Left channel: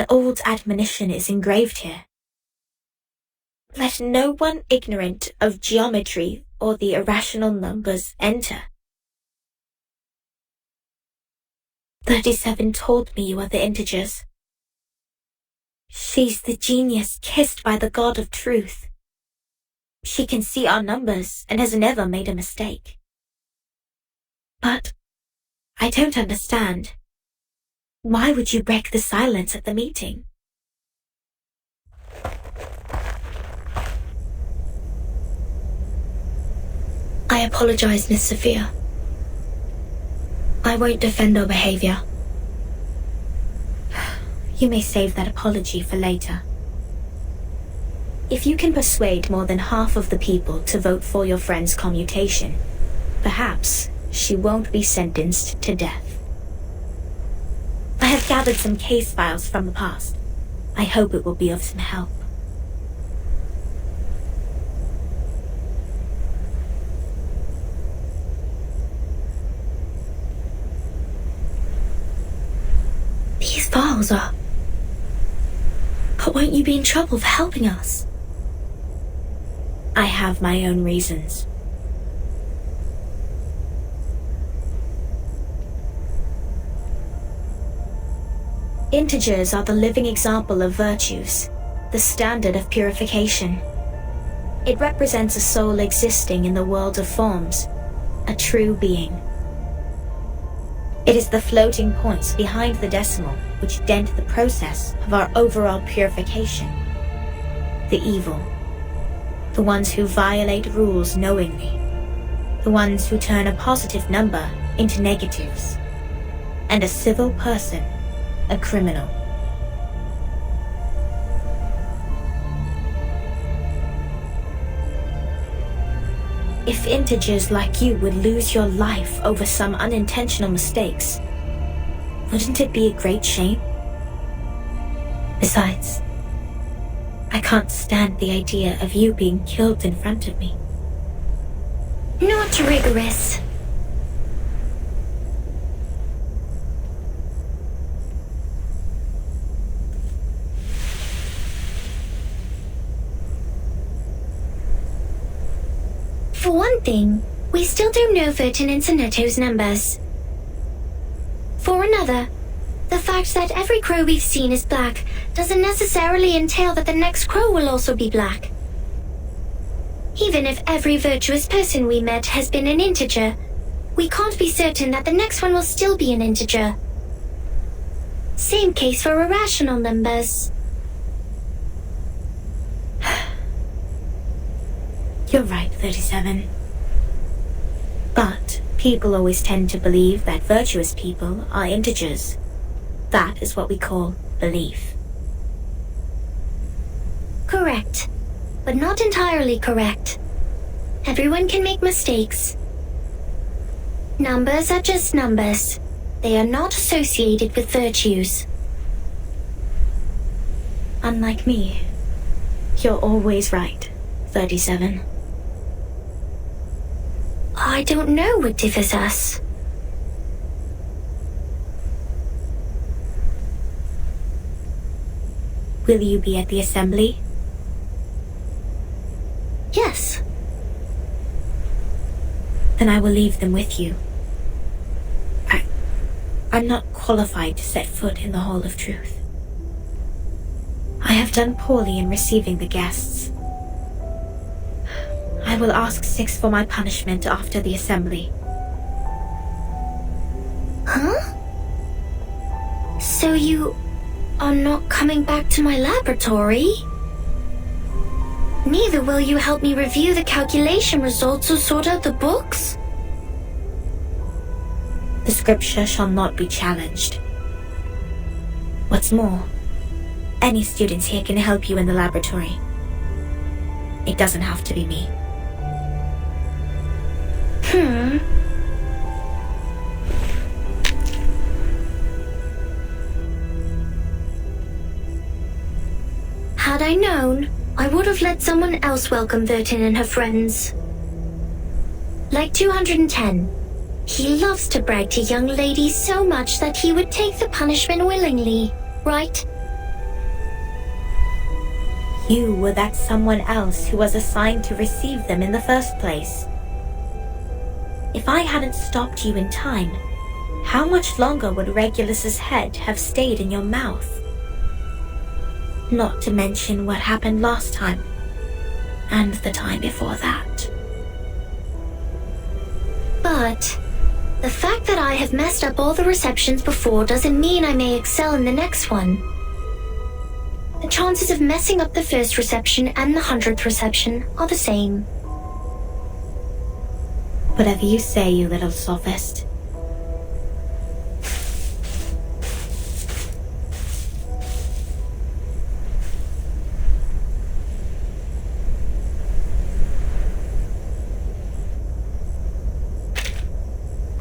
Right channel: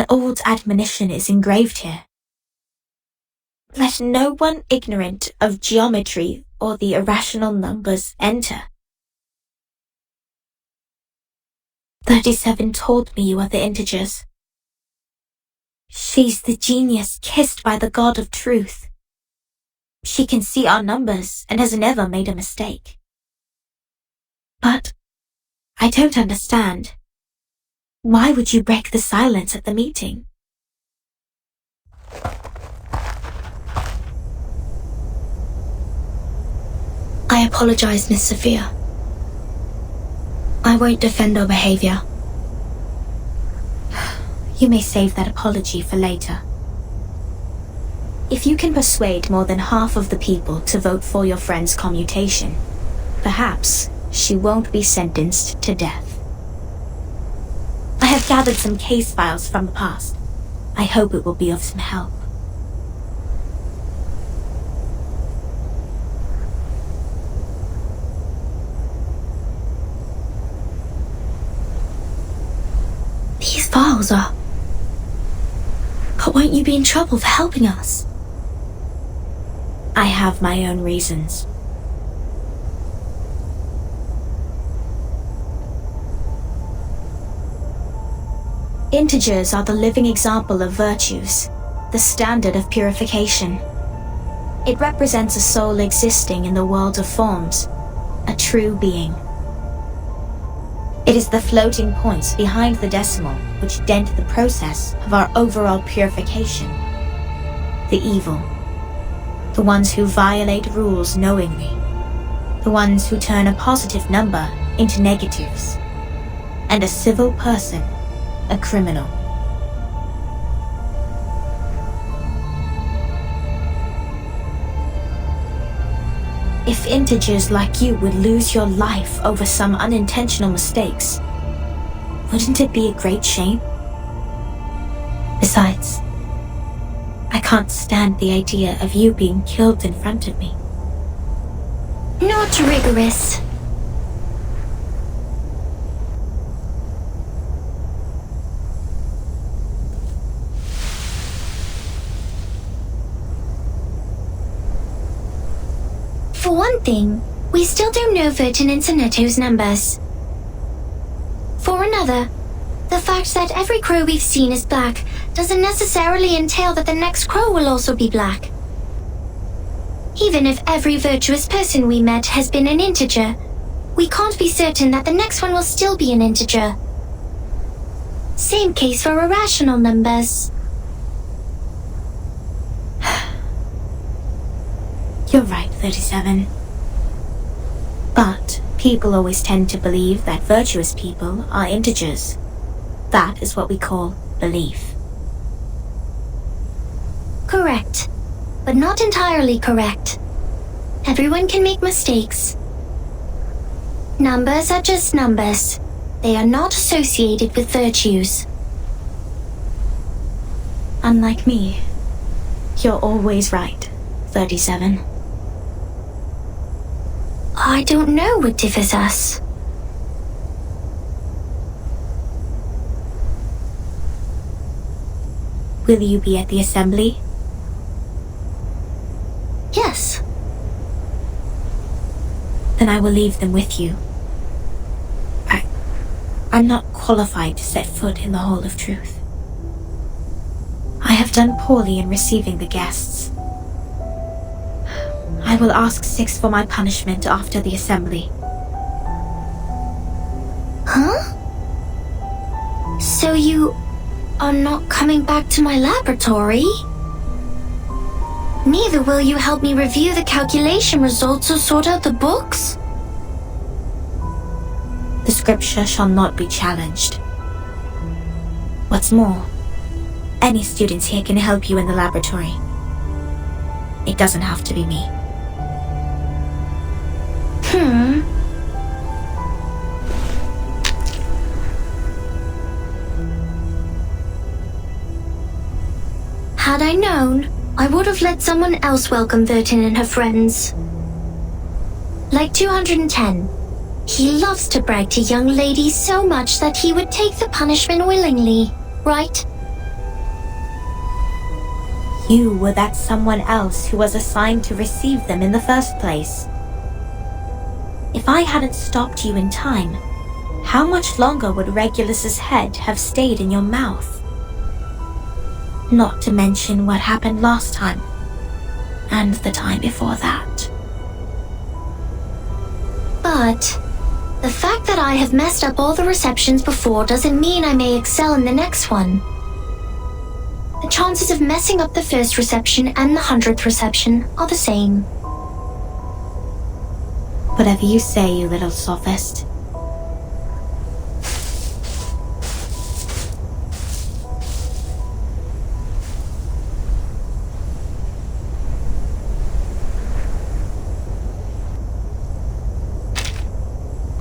An old admonition is engraved here. Let no one ignorant of geometry or the irrational numbers enter. 37 told me you are the integers. She's the genius kissed by the God of truth. She can see our numbers and has never made a mistake. But I don't understand. Why would you break the silence at the meeting? I apologize, Miss Sophia. I won't defend our behavior. You may save that apology for later. If you can persuade more than half of the people to vote for your friend's commutation, perhaps she won't be sentenced to death. I have gathered some case files from the past. I hope it will be of some help. These files are... But won't you be in trouble for helping us? I have my own reasons. Integers are the living example of virtues, the standard of purification. It represents a soul existing in the world of forms, a true being. It is the floating points behind the decimal which dent the process of our overall purification. The evil, the ones who violate rules knowingly, the ones who turn a positive number into negatives, and a civil person a criminal. If integers like you would lose your life over some unintentional mistakes, wouldn't it be a great shame? Besides, I can't stand the idea of you being killed in front of me. Not rigorous. For one thing, we still don't know Vertin and Sonetto's numbers. For another, the fact that every crow we've seen is black doesn't necessarily entail that the next crow will also be black. Even if every virtuous person we met has been an integer, we can't be certain that the next one will still be an integer. Same case for irrational numbers. You're right, 37. But people always tend to believe that virtuous people are integers. That is what we call belief. Correct, but not entirely correct. Everyone can make mistakes. Numbers are just numbers. They are not associated with virtues. Unlike me, you're always right, 37. I don't know what differs us. Will you be at the assembly? Yes. Then I will leave them with you. I'm not qualified to set foot in the Hall of Truth. I have done poorly in receiving the guests. I will ask 6 for my punishment after the assembly. Huh? So you are not coming back to my laboratory? Neither will you help me review the calculation results or sort out the books? The scripture shall not be challenged. What's more, any students here can help you in the laboratory. It doesn't have to be me. Had I known, I would have let someone else welcome Vertin and her friends. Like 210. He loves to brag to young ladies so much that he would take the punishment willingly, right? You were that someone else who was assigned to receive them in the first place. If I hadn't stopped you in time, how much longer would Regulus's head have stayed in your mouth? Not to mention what happened last time, and the time before that. But the fact that I have messed up all the receptions before doesn't mean I may excel in the next one. The chances of messing up the first reception and the 100th reception are the same. Whatever you say, you little sophist.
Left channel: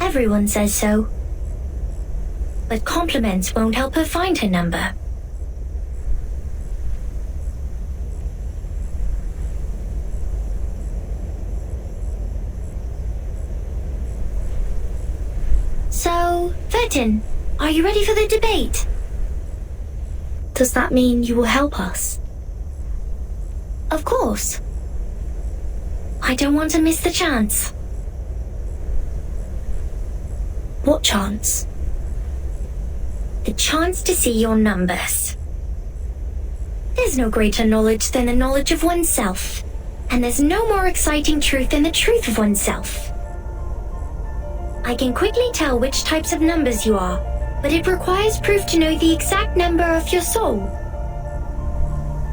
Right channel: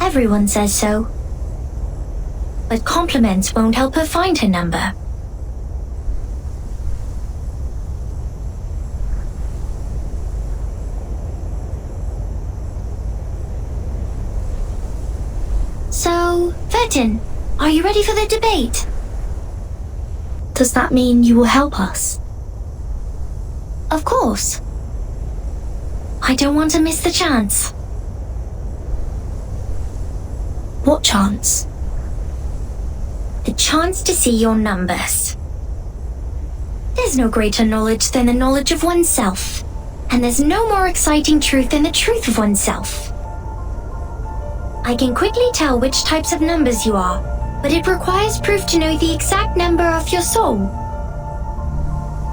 Everyone says so. But compliments won't help her find her number. So, Vertin, are you ready for the debate? Does that mean you will help us? Of course. I don't want to miss the chance. What chance? The chance to see your numbers. There's no greater knowledge than the knowledge of oneself, and there's no more exciting truth than the truth of oneself. I can quickly tell which types of numbers you are, but it requires proof to know the exact number of your soul.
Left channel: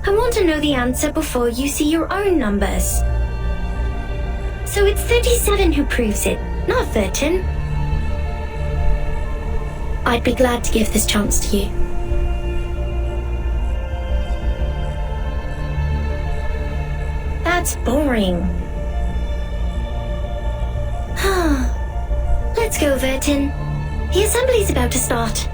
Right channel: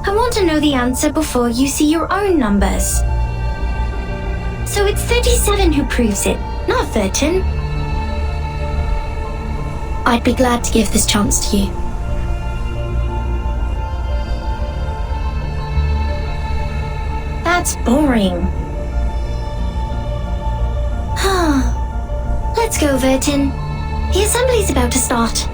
I want to know the answer before you see your own numbers. So it's 37 who proves it, not Vertin. I'd be glad to give this chance to you. That's boring. Let's go, Vertin. The assembly's about to start.